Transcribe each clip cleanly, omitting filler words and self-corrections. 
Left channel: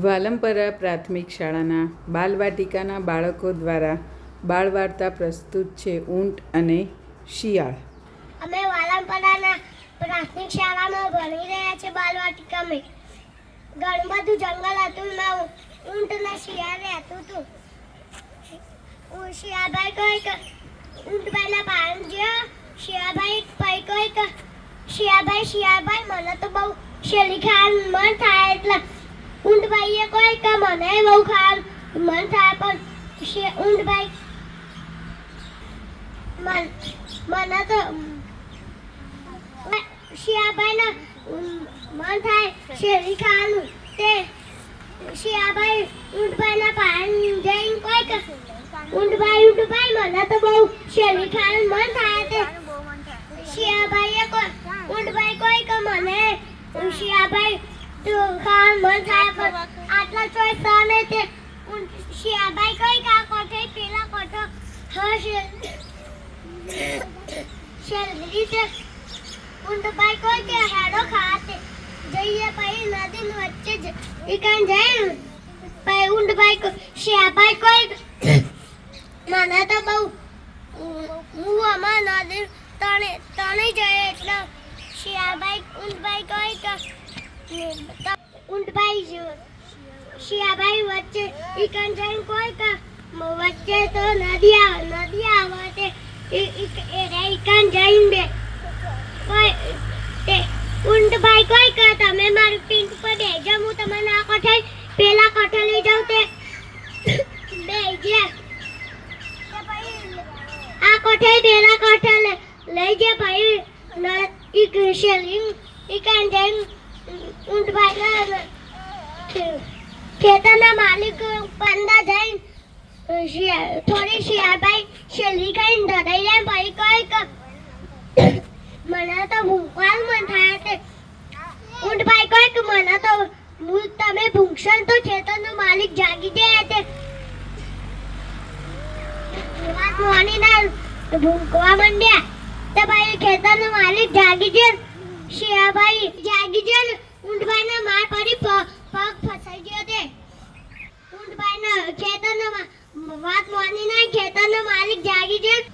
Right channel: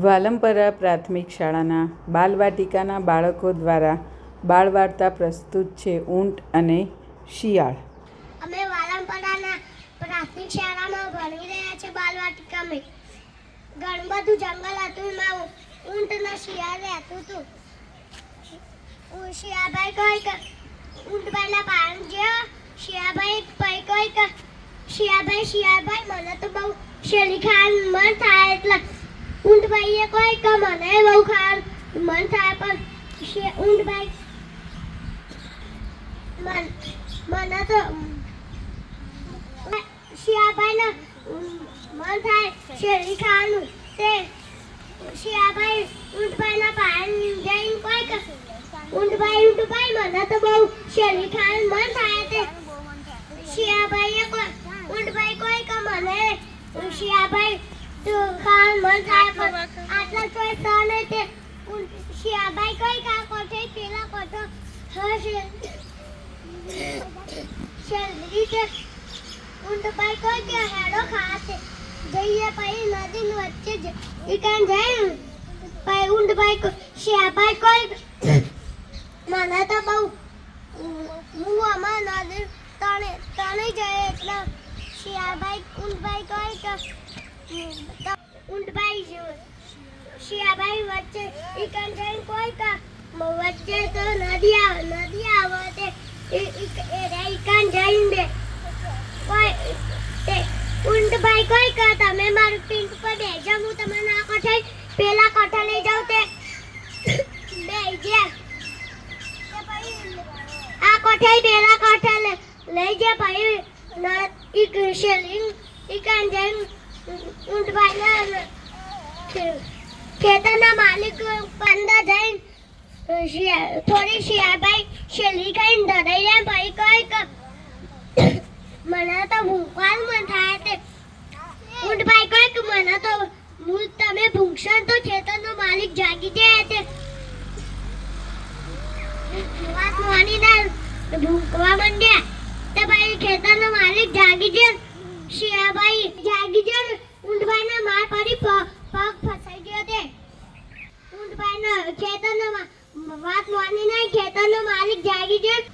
વાલમપરા પ્રાથમિક શાળાના બાલવાટિકાના બાળકો દ્વારા બાળવાર્તા પ્રસ્તુત છે ઊંટ અને શિયાળ. અમે વાલમપરાના પ્રાથમિક શાળામાં ભણી રહ્યા છીએ. બાલવાટિકામાં ઘણું બધું જંગલ હતું. એમાં ઊંટ અને શિયાળ રહેતું હતું. શિયાળભાઈ કહે કે ઊંટભાઈના પાણી જ્યાં શિયાળભાઈ કહે કે શિયાળભાઈ મને તો બહુ શેરડી ખાવાનું મન થાય. એટલે ઊંટભાઈએ કહે કે મને બહુ ખાવાનું મન થાય. પણ ઊંટભાઈ મને તો શિયાળભાઈને મન થાય શેરડી ખાવાનું. તે શિયાળભાઈ ઊંટભાઈના પાસે જઈને કહે કે ઊંટભાઈ મને તો બહુ શેરડી ખાવાનું મન થાય. તે શિયાળભાઈએ ઊંટભાઈ કહે કે મને શિયાળભાઈ ખાવાનું મન થાય. પણ આટલા ચોઈસ ને તે શિયાળભાઈ કહે કે આ કોઠે પેલા કોઠો હશે શેરડી. તે ઊંટભાઈ કહે કે હેડો ખાતે જઈએ. પછી નદીની વચ્ચે જ ઈકાન જાય. પછી ઊંટભાઈ શિયાળભાઈ કહે મને તો બહુ હું અમાર નદી તણી જાય. એટલે ઊંટભાઈ કહે કે શિયાળભાઈ વચ્ચે ઈકાન જઈને કહે કે વચ્ચે તો નદી આવે. તે ઈકાન જઈને ઊંટભાઈ કહે કે તમે મારું પિંક પર બેસજો, હું તમને આ કોઠે પેલા કોઠે લઈ જાઉં. તે બેસજે આ કોઠે પેલા કોઠે લઈ જાય. પછી શેલિંગ ઈકાન જઈને ઊંટભાઈ ખેતરના માલિક પંદા જઈને થોડી શિયાળભાઈ શેલી ખાઈને ધરાઈ જાય. પછી કહે કે મને તો ભૂખવાનું મન થાય. તે ઊંટભાઈ કહે કે મને તો તમે ભૂખશો તો ખેતરનો માલિક જાગી જાય. તે વાત મોનીના ભૂખવા માંડ્યા. તે ભાઈ ખેતરનો માલિક જાગી જાય. શિયાળભાઈ જાગી જાય ને ઊંટભાઈના માર પડી પગ ફસાઈ ગયો. તે ઊંટભાઈના ખેતરનો વાત મોનીના ખેતરનો માલિક જાગી જાય.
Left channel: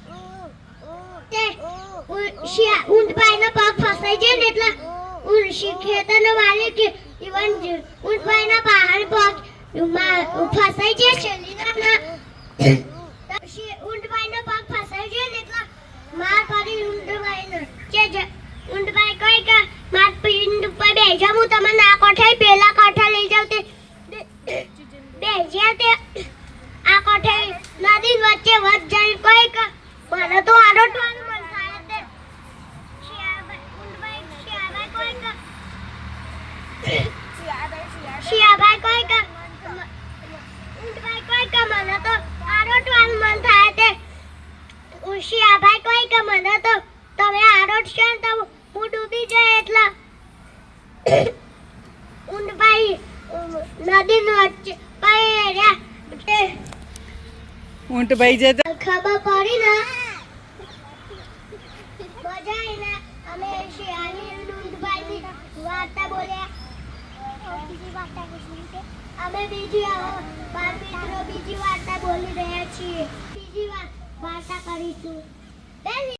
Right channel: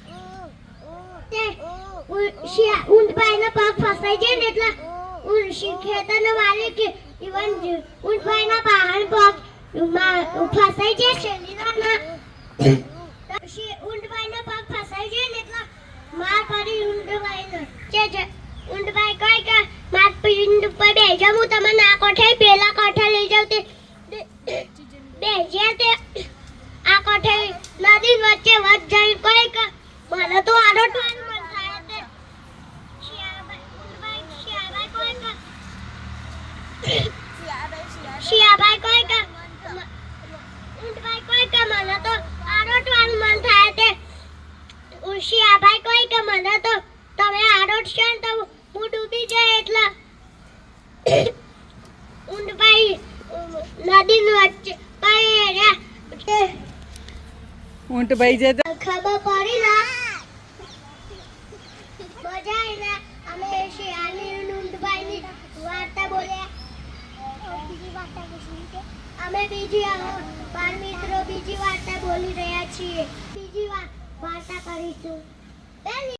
તે ઊંટભાઈનો પગ ફસાઈ જાય ને એટલે ખેતરનો માલિક ઊંટભાઈના પહાડ પગ ફસાઈ જાય. શેલીના ઊંટભાઈનો પગ ફસાઈ જાય ને એટલે માર પડી ઊંટભાઈને. ઊંટભાઈ કહે કે માર પિંડ ઉપર બેસજો, હું તમને આ કોઠે પેલા કોઠે લઈ જાઉં. તે બેસ્યા. તે આ કોઠે નદી વચ્ચે વચ જઈ કહે કે મને તો આરોટવાનું મન થાય. તે શિયાળભાઈ કહે કે ઊંટભાઈ કહે કે મને તો આરોટવાનું મન થાય. તે શિયાળભાઈ કહે કે મને તો તમે આરોટશો ને તો હું ડૂબી જાય. એટલે ઊંટભાઈ નદીની વચ્ચે ઊંટભાઈ જતા ખબર પડી ને મજા આવી ને. અમે શિયાળની ઊંટભાઈની વાર્તા બોલ્યા. અમે બીજી બાળ મિત્રો બીજી વાર્તા બોલી રહ્યા છીએ. બીજી વાર્તા કરીશું.